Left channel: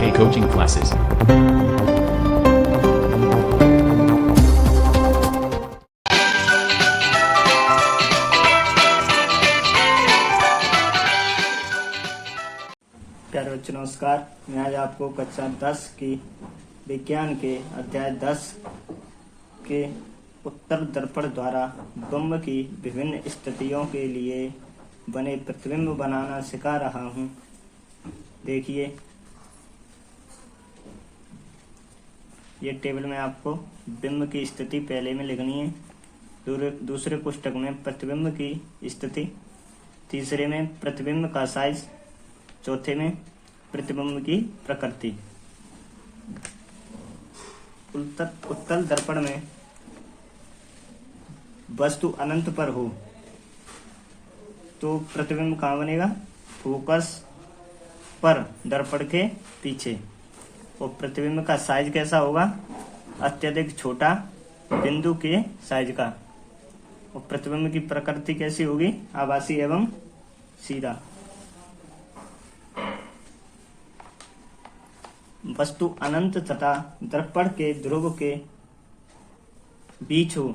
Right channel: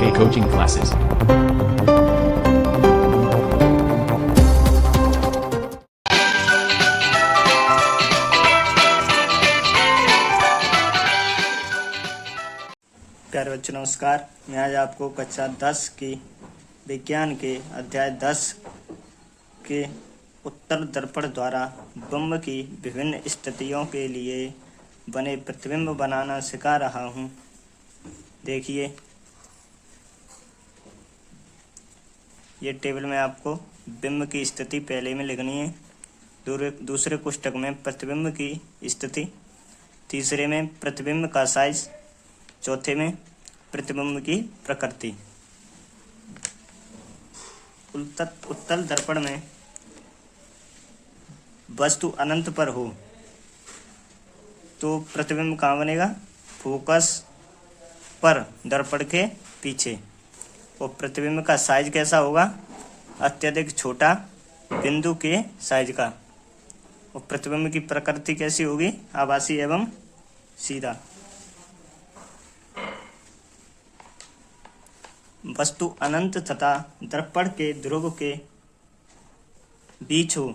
K coaching classes. प्यारे बच्चों नमस्कार। मैं आज आपको कक्षा 10 की विज्ञान के अध्याय 10 के उत्तल दर्पण द्वारा बिंब की विभिन्न स्थितियों के लिए बने प्रतिबिंब बनाना सिखा रहा हूँ। देखिए, ये टेबल में आपको बिंब की स्थिति पहले में लिखनी है। दूसरे पुस्तक में प्रतिबिंब की स्थिति, तीसरे में प्रतिबिंब का साइज, चौथे में प्रतिबिंब की प्रकृति। उत्तल दर्पण में वस्तु अनंत पर हो तो प्रतिबिंब कहाँ बनेगा? फोकस पर, दर्पण के पीछे। और प्रतिबिंब का साइज कैसा होगा? अत्यधिक छोटा, बिंदु के साइज का। और प्रतिबिंब की प्रकृति कैसी होगी? आभासी एवं सीधा। वस्तु अनंत तथा दर्पण के ध्रुव के बीच हो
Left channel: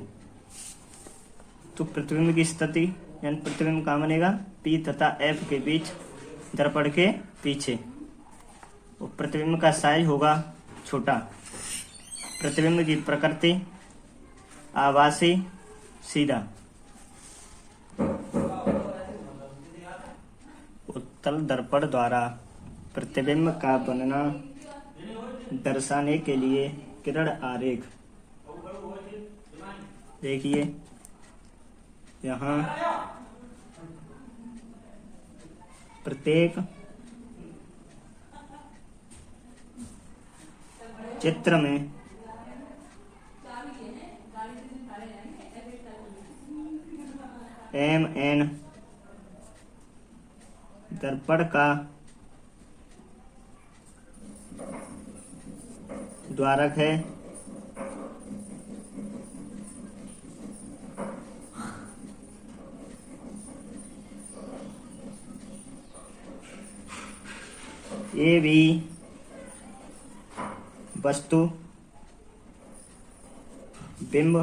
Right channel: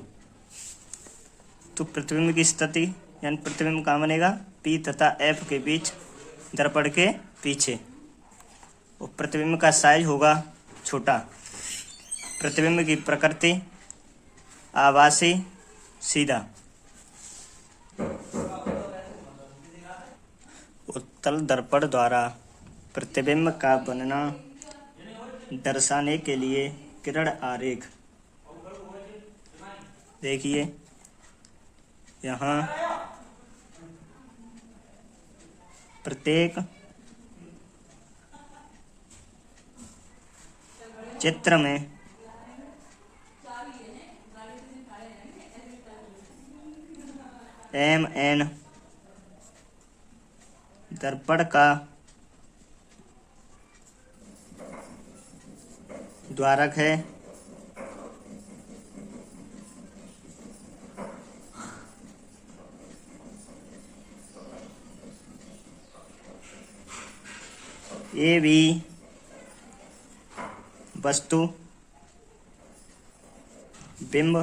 तो प्रतिबिंब की स्थिति यानी प्रतिबिंब कहाँ बनेगा? P तथा F के बीच, दर्पण के पीछे। और प्रतिबिंब का साइज होगा छोटा। प्रतिबिंब की प्रकृति आभासी, सीधा। उत्तल दर्पण द्वारा प्रतिबिंब का बनना दर्शाने के लिए किरण आरेख। देखिए, यहाँ प्रत्येक चित्र में MN दर्पण का द्वारक है। ये भी वस्तु बिंब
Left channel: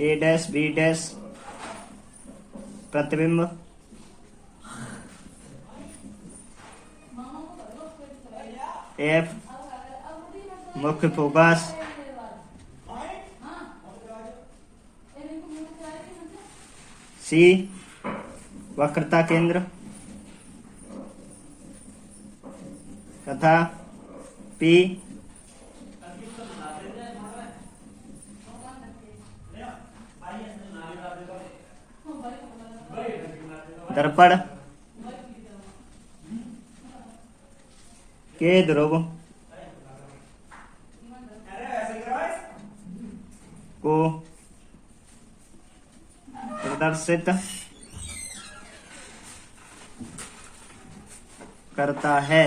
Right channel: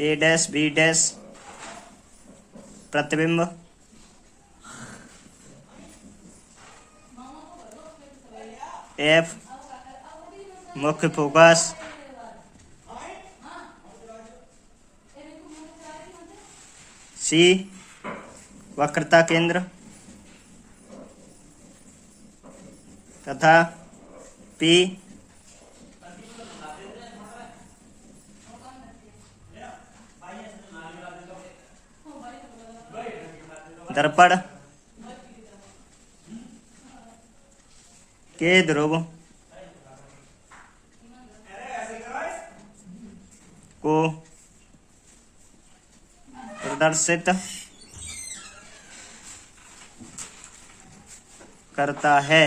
A', B' प्रतिबिंब F मुख्य फोकस, C वक्रता केंद्र तथा P दर्पण के ध्रुव को प्रदर्शित करता है।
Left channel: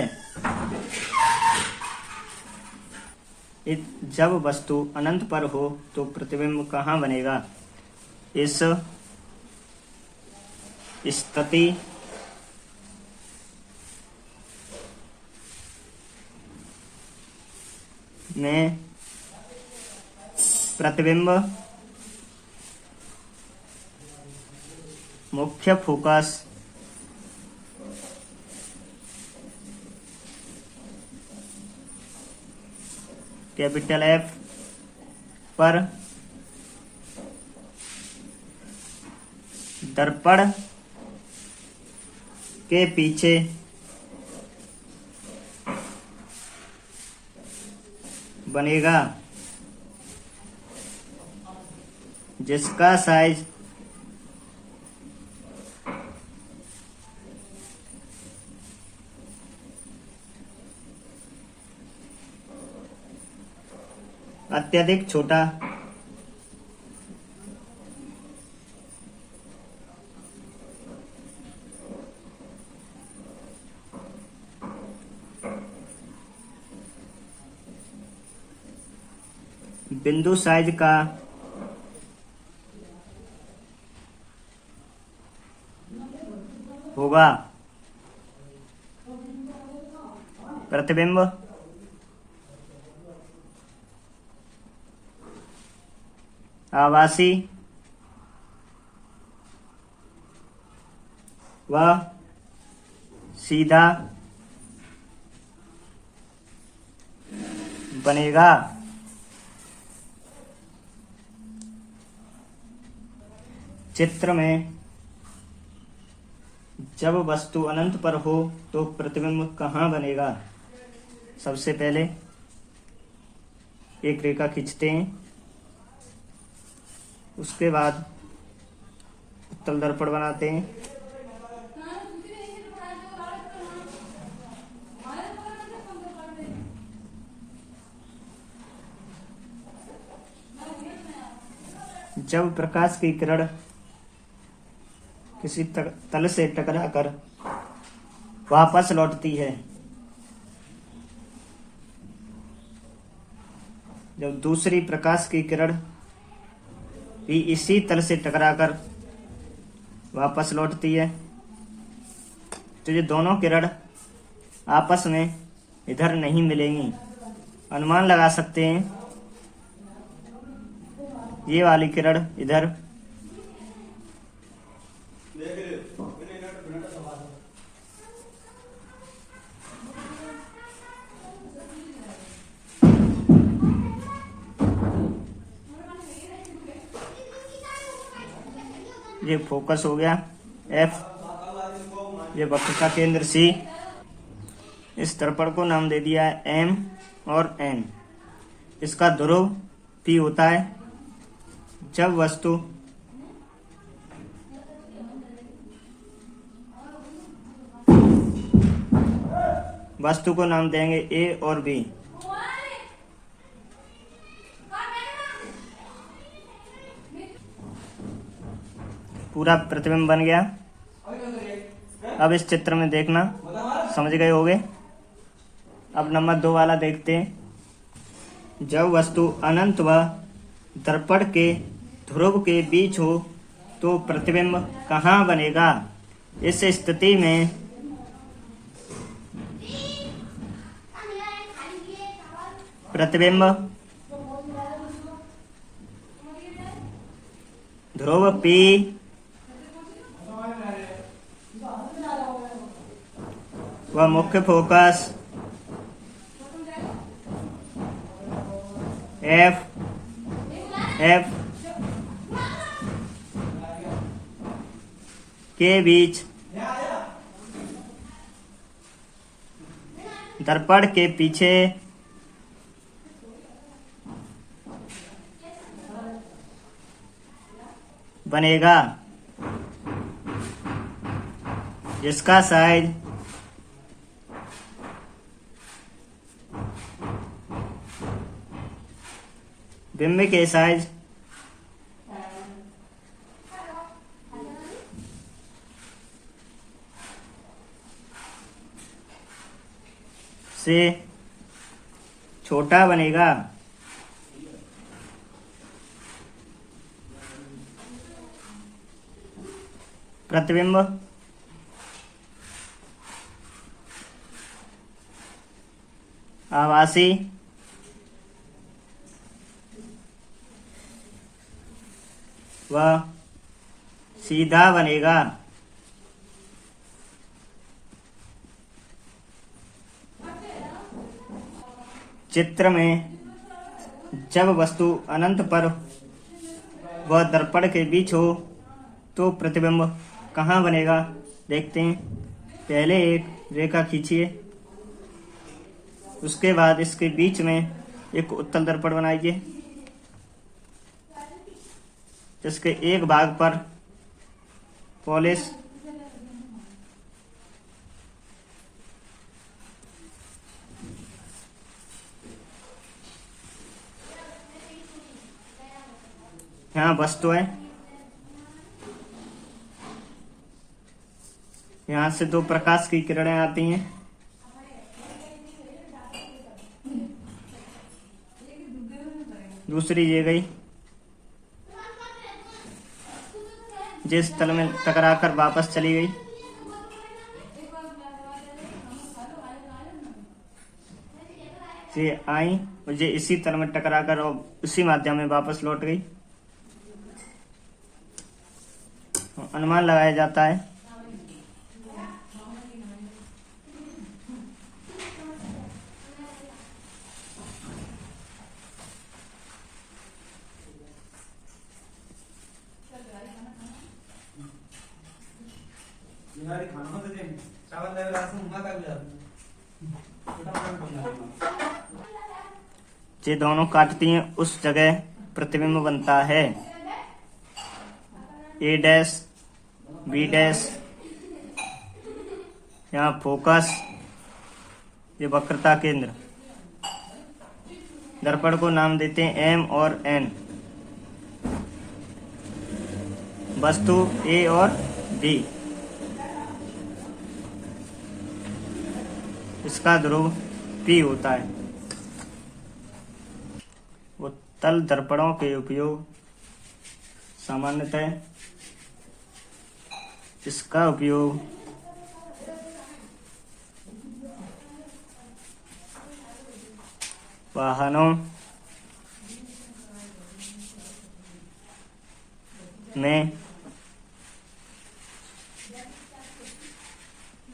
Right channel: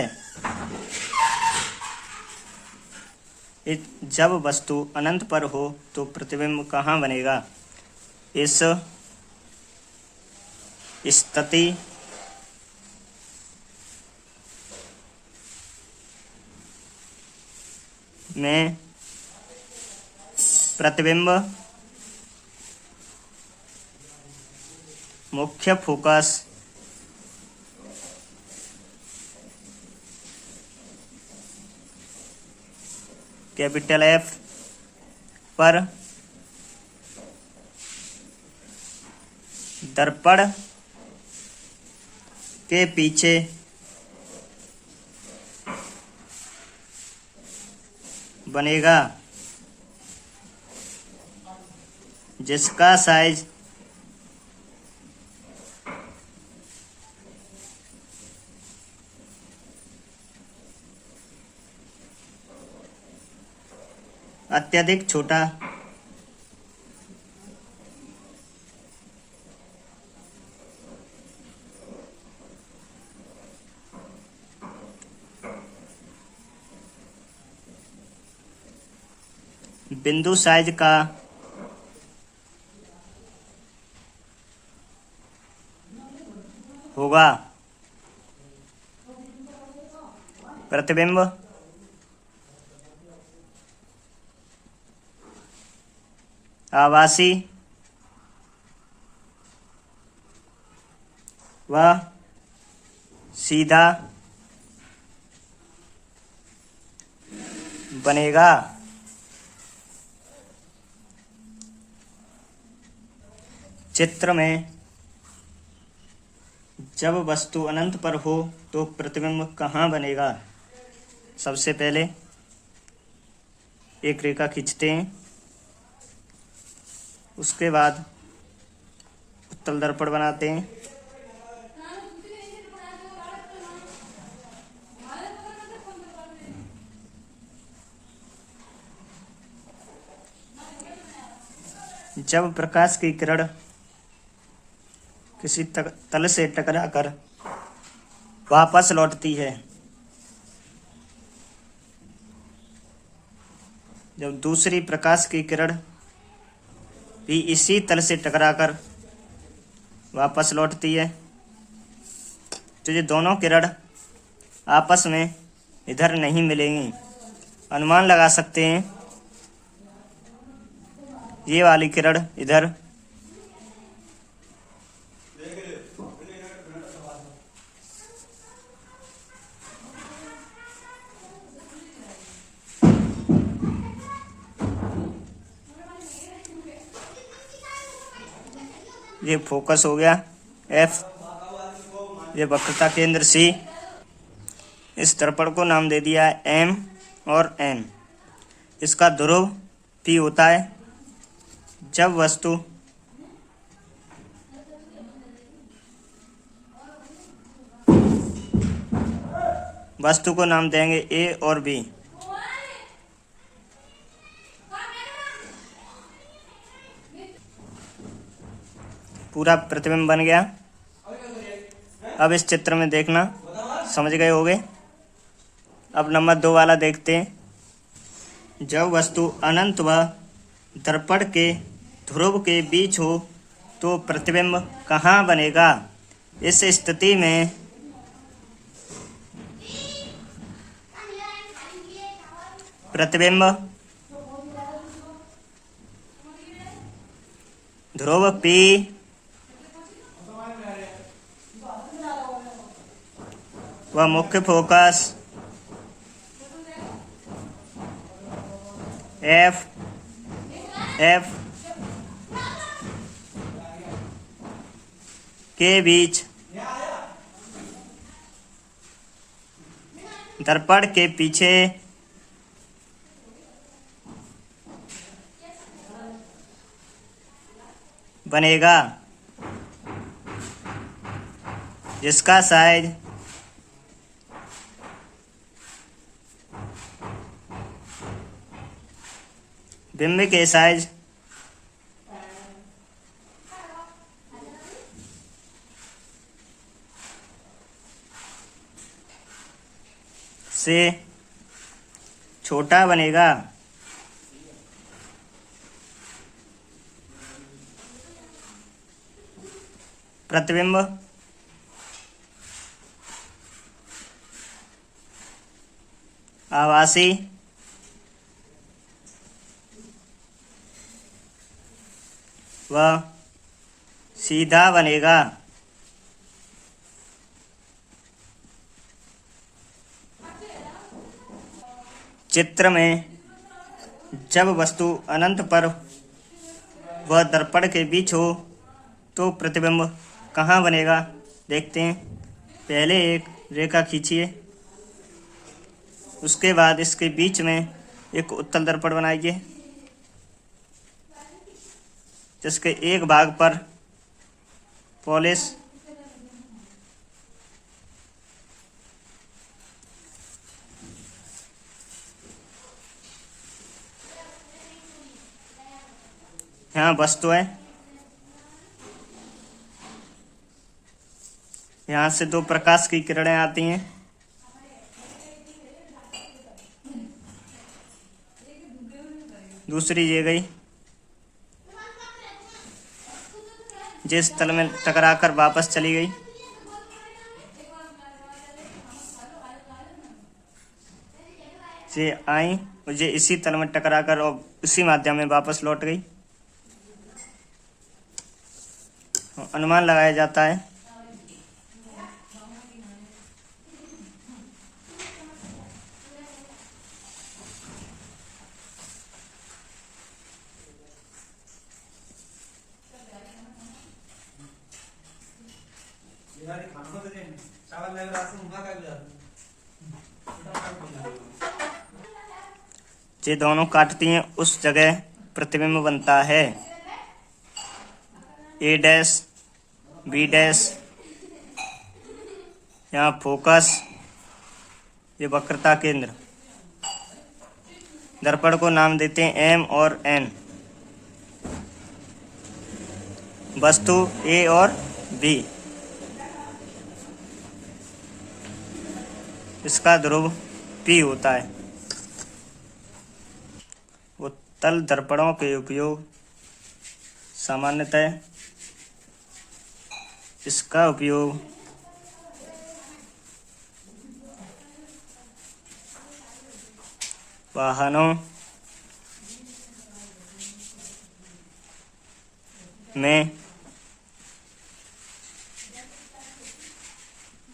जब वस्तु अनंत पर हो तो प्रतिबिंब कहाँ बनेगा? इस स्थिति में प्रतिबिंब मुख्य फोकस कैपिटल F पर, दर्पण के पीछे बनेगा, जिसका साइज अत्यधिक छोटा बिंदु साइज का होगा। प्रतिबिंब आभासी व सीधा बनेगा। चित्र में जब वस्तु अनंत पर हो तो प्रतिबिंब कहाँ बनेगा? सबसे पहले एक रेखा खींचते हैं, उसके बाद उत्तल दर्पण बनाते हैं। जब प्रकाश की किरण किसी तल से टकराकर वापस लौटती है, जब दूसरी प्रकाश की किरण भी इसी तल से टकराकर वापस लौटती है, तो ये दोनों किरण आपस में इधर नहीं मिलेंगी। अनुमान लगा सकते हैं ये वाली किरण इधर, ये फोकस हो गया F, ये वक्रता केंद्र C। इस दर्पण को नाम दे दिया है M और N। इसका ध्रुव P होता है। जब वस्तु को नाम देंगे A और B। पूरा प्रतिबिंब बन गया। अब इस चित्र में देखना, समझ गए होगे। अब नंबर 2 वाला देखते हैं। जब वस्तु अनंत व दर्पण के ध्रुव के बीच हो तो प्रतिबिंब कहाँ बनेगा? इस स्थिति में प्रतिबिंब ध्रुव P व मुख्य फोकस F के बीच दर्पण के पीछे बनेगा, जिसका साइज बिंब के साइज से छोटा बनेगा। प्रतिबिंब आभासी व सीधा बनेगा। चित्र में जब वस्तु अनंत पर व दर्पण के बीच हो तो प्रतिबिंब कहाँ बनेगा? देखते हैं। पहले एक रेखा खींचिए, उसके बाद इसके बीच में एक उत्तल दर्पण बनाइए, जिसके एक भाग पर पॉलिश यहाँ वस्तु है, यहाँ से 2 प्रकाश की किरणें आती हैं। दूसरी ये गई, जिस तल में टकराकर वापस चली गई। से आई, मुझे इसी तल में टकराकर और उसी माध्यम में वापस लौट गई। अनुमान लगाया जाता है। ये दोनों काटती हैं उस जगह प्रतिबिंब बनता है। ए डैश बी डैश, यहाँ फोकस, ये वक्रता केंद्र। दर्पण को नाम देते हैं एम और एन। वस्तु ए और बी, इसका ध्रुव पी होता है। उत्तल दर्पणों के उपयोग सामान्यतः इसका उपयोग वाहनों में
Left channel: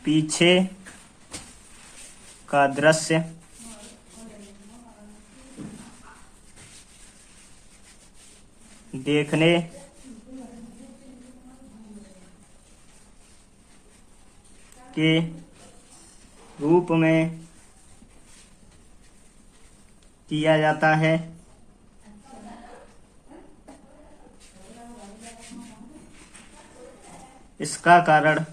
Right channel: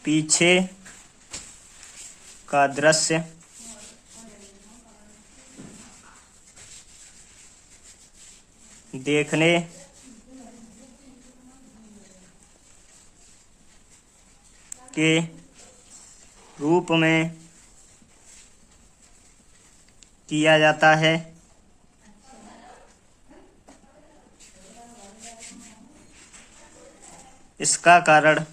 पीछे का दृश्य देखने के रूप में किया जाता है। इसका कारण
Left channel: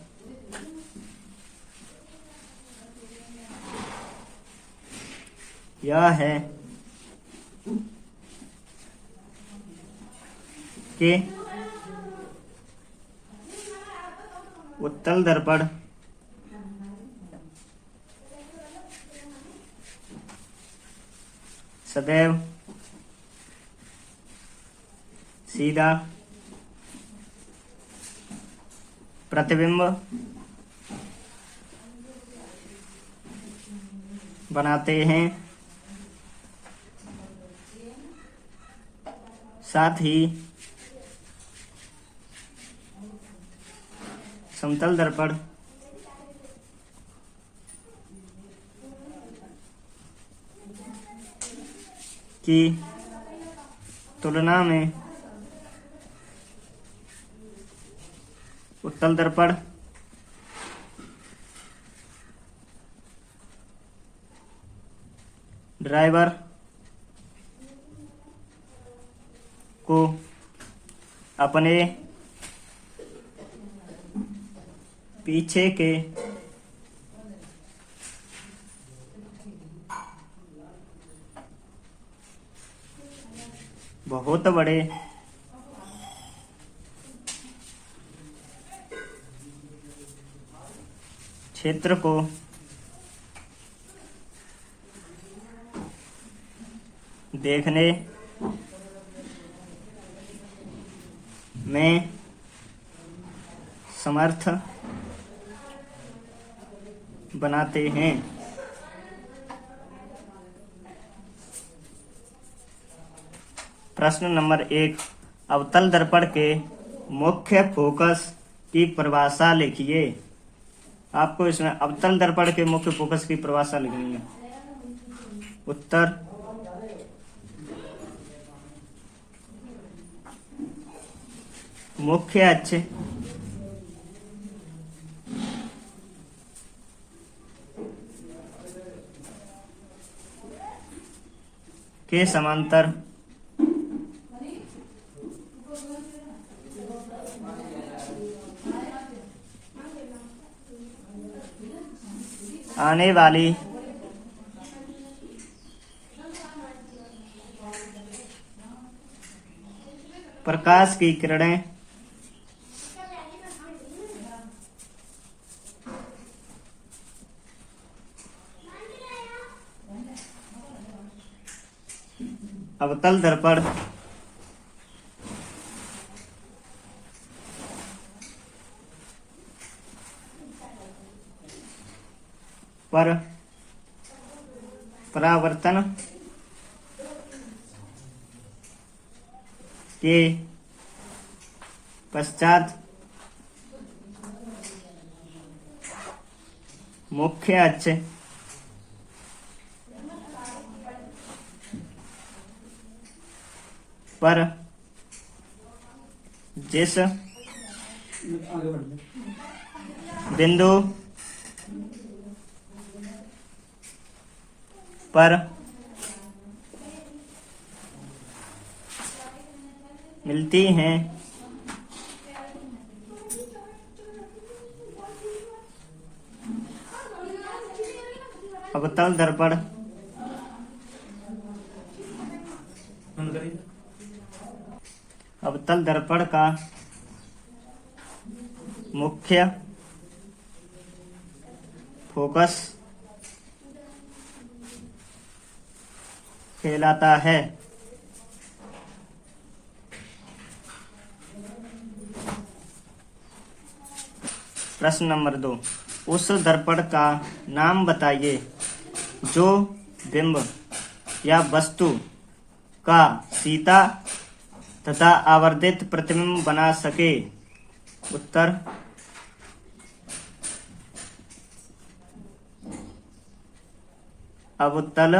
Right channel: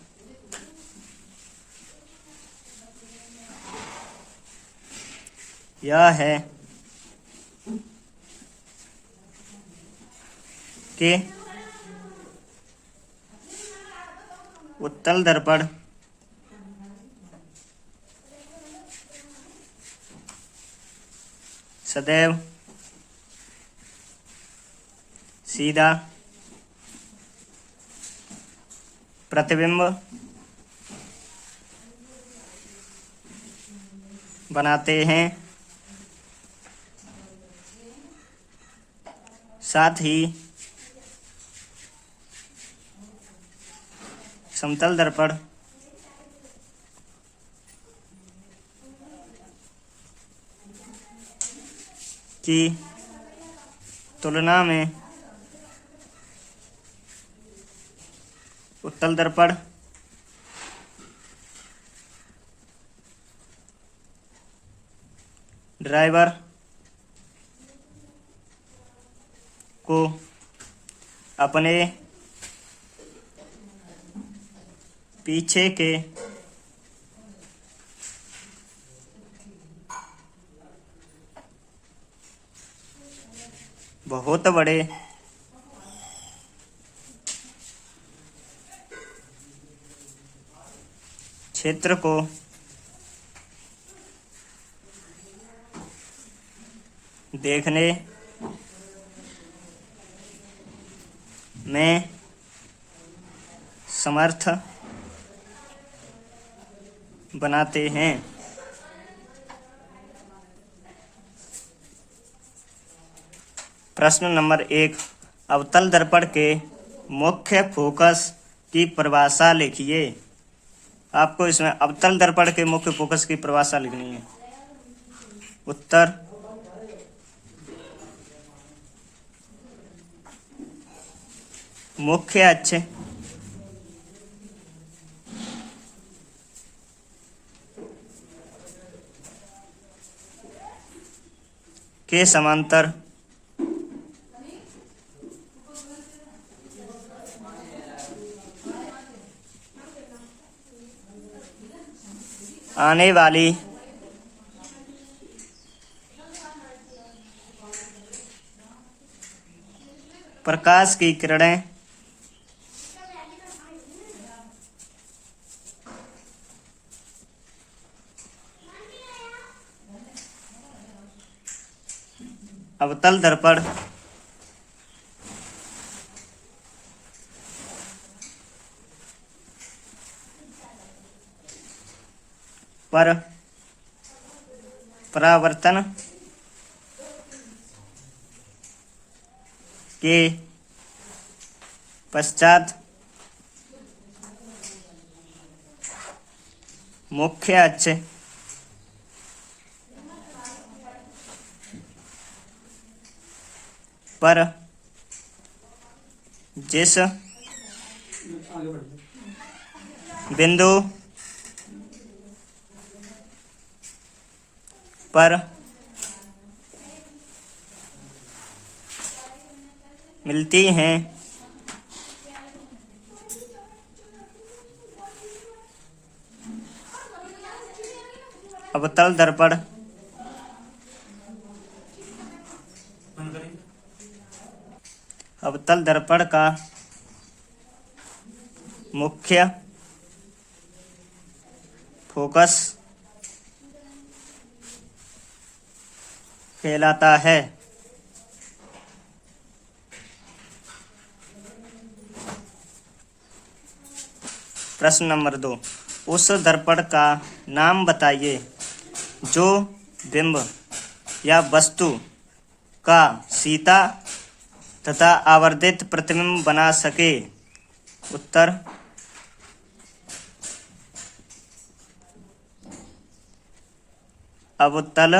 यह है कि उत्तल दर्पण सदैव सीधा प्रतिबिंब बनाते हैं। साथ ही समतल दर्पण की तुलना में उत्तल दर्पण ड्राइवर को अपने पीछे के बहुत बड़े क्षेत्र को देखने में समर्थ बनाते हैं। प्रश्न नंबर 1, अवतल दर्पण के मुख्य फोकस की परिभाषा लिखिए। आपको इसमें अवतल दर्पण के मुख्य फोकस की परिभाषा लिखनी है। उत्तर मुख्य अक्ष के समांतर आने वाली प्रकाश की किरणें अवतल दर्पण पर परावर्तन के पश्चात मुख्य अक्ष पर जिस बिंदु पर मिलती हैं अवतल दर्पण अवतल दर्पण का मुख्य फोकस कहलाता है। प्रश्न नंबर 2, उस दर्पण का नाम बताइए जो बिंब या वस्तु का सीधा तथा आवर्धित प्रतिबिंब बना सके। उत्तर अवतल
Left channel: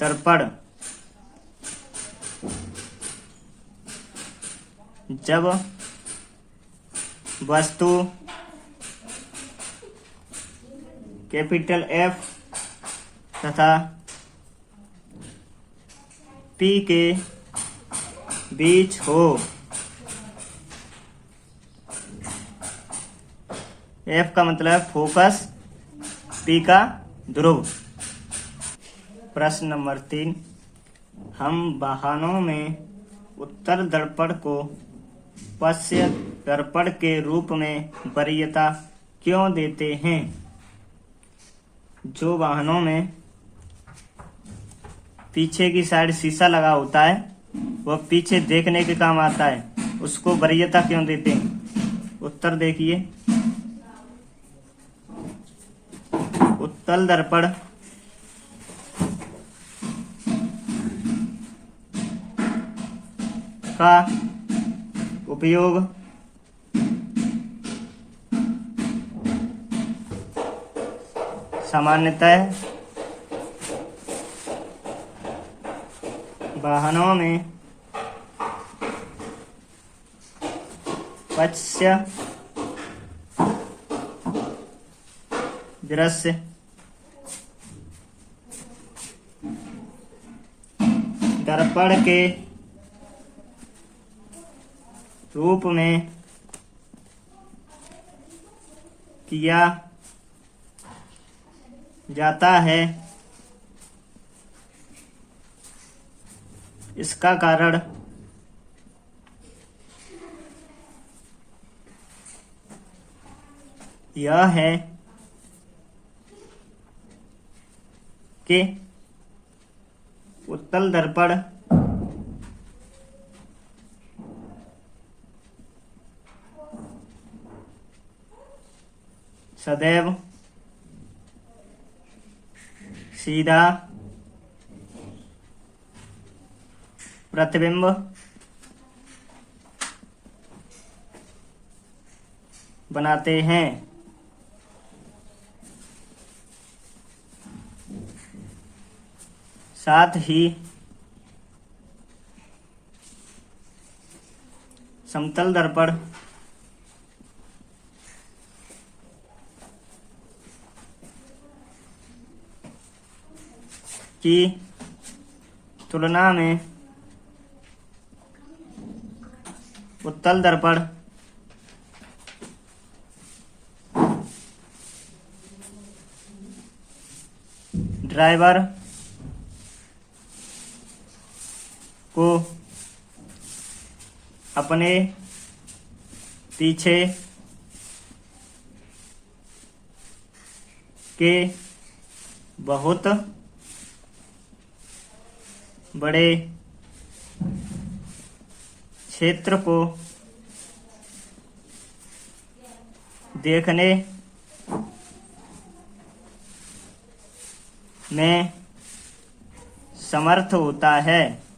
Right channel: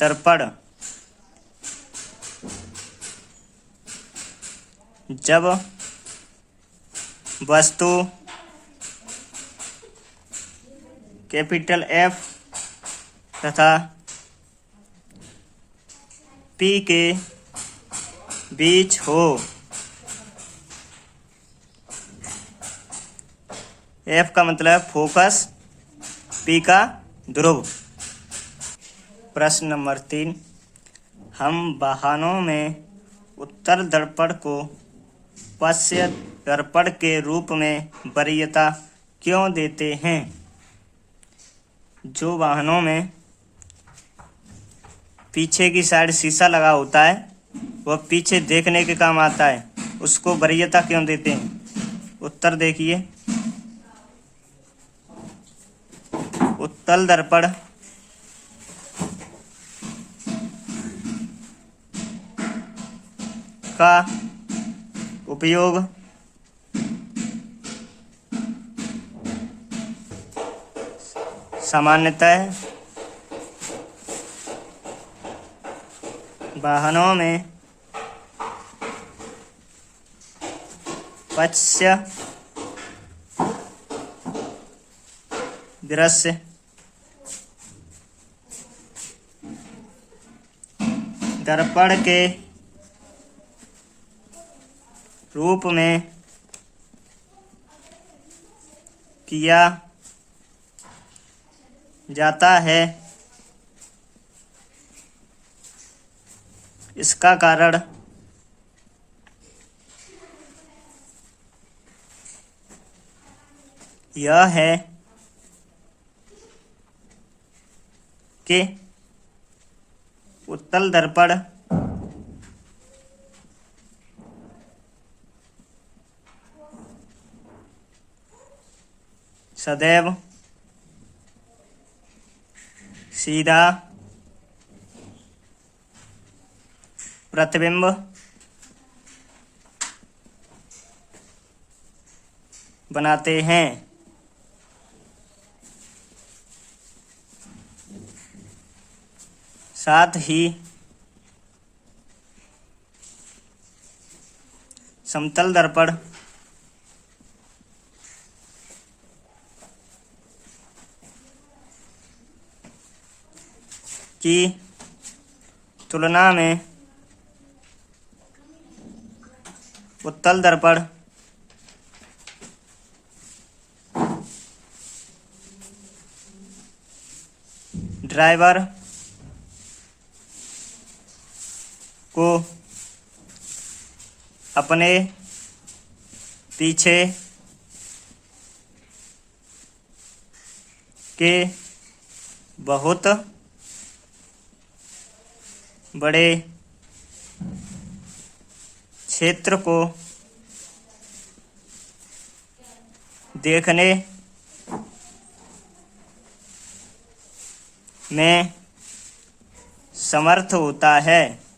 दर्पण। जब वस्तु कैपिटल एफ तथा पी के बीच हो, एफ का मतलब फोकस, पी का ध्रुव। प्रश्न नंबर 3, हम वाहनों में उत्तर दर्पण को पश्य दर्पण के रूप में वरीयता क्यों देते हैं। जो वाहनों में पीछे की साइड शीशा लगा होता है वह पीछे देखने के काम आता है, उसको वरीयता क्यों देते हैं। उत्तर देखिए, उत्तल दर्पण का उपयोग सामान्यतः वाहनों में पश्य दृश्य दर्पण के रूप में किया जाता है। इसका कारण यह है कि उत्तल दर्पण सदैव सीधा प्रतिबिंब बनाते हैं। साथ ही समतल दर्पण की तुलना में उत्तल दर्पण ड्राइवर को अपने पीछे के बहुत बड़े क्षेत्र को देखने में समर्थ होता है।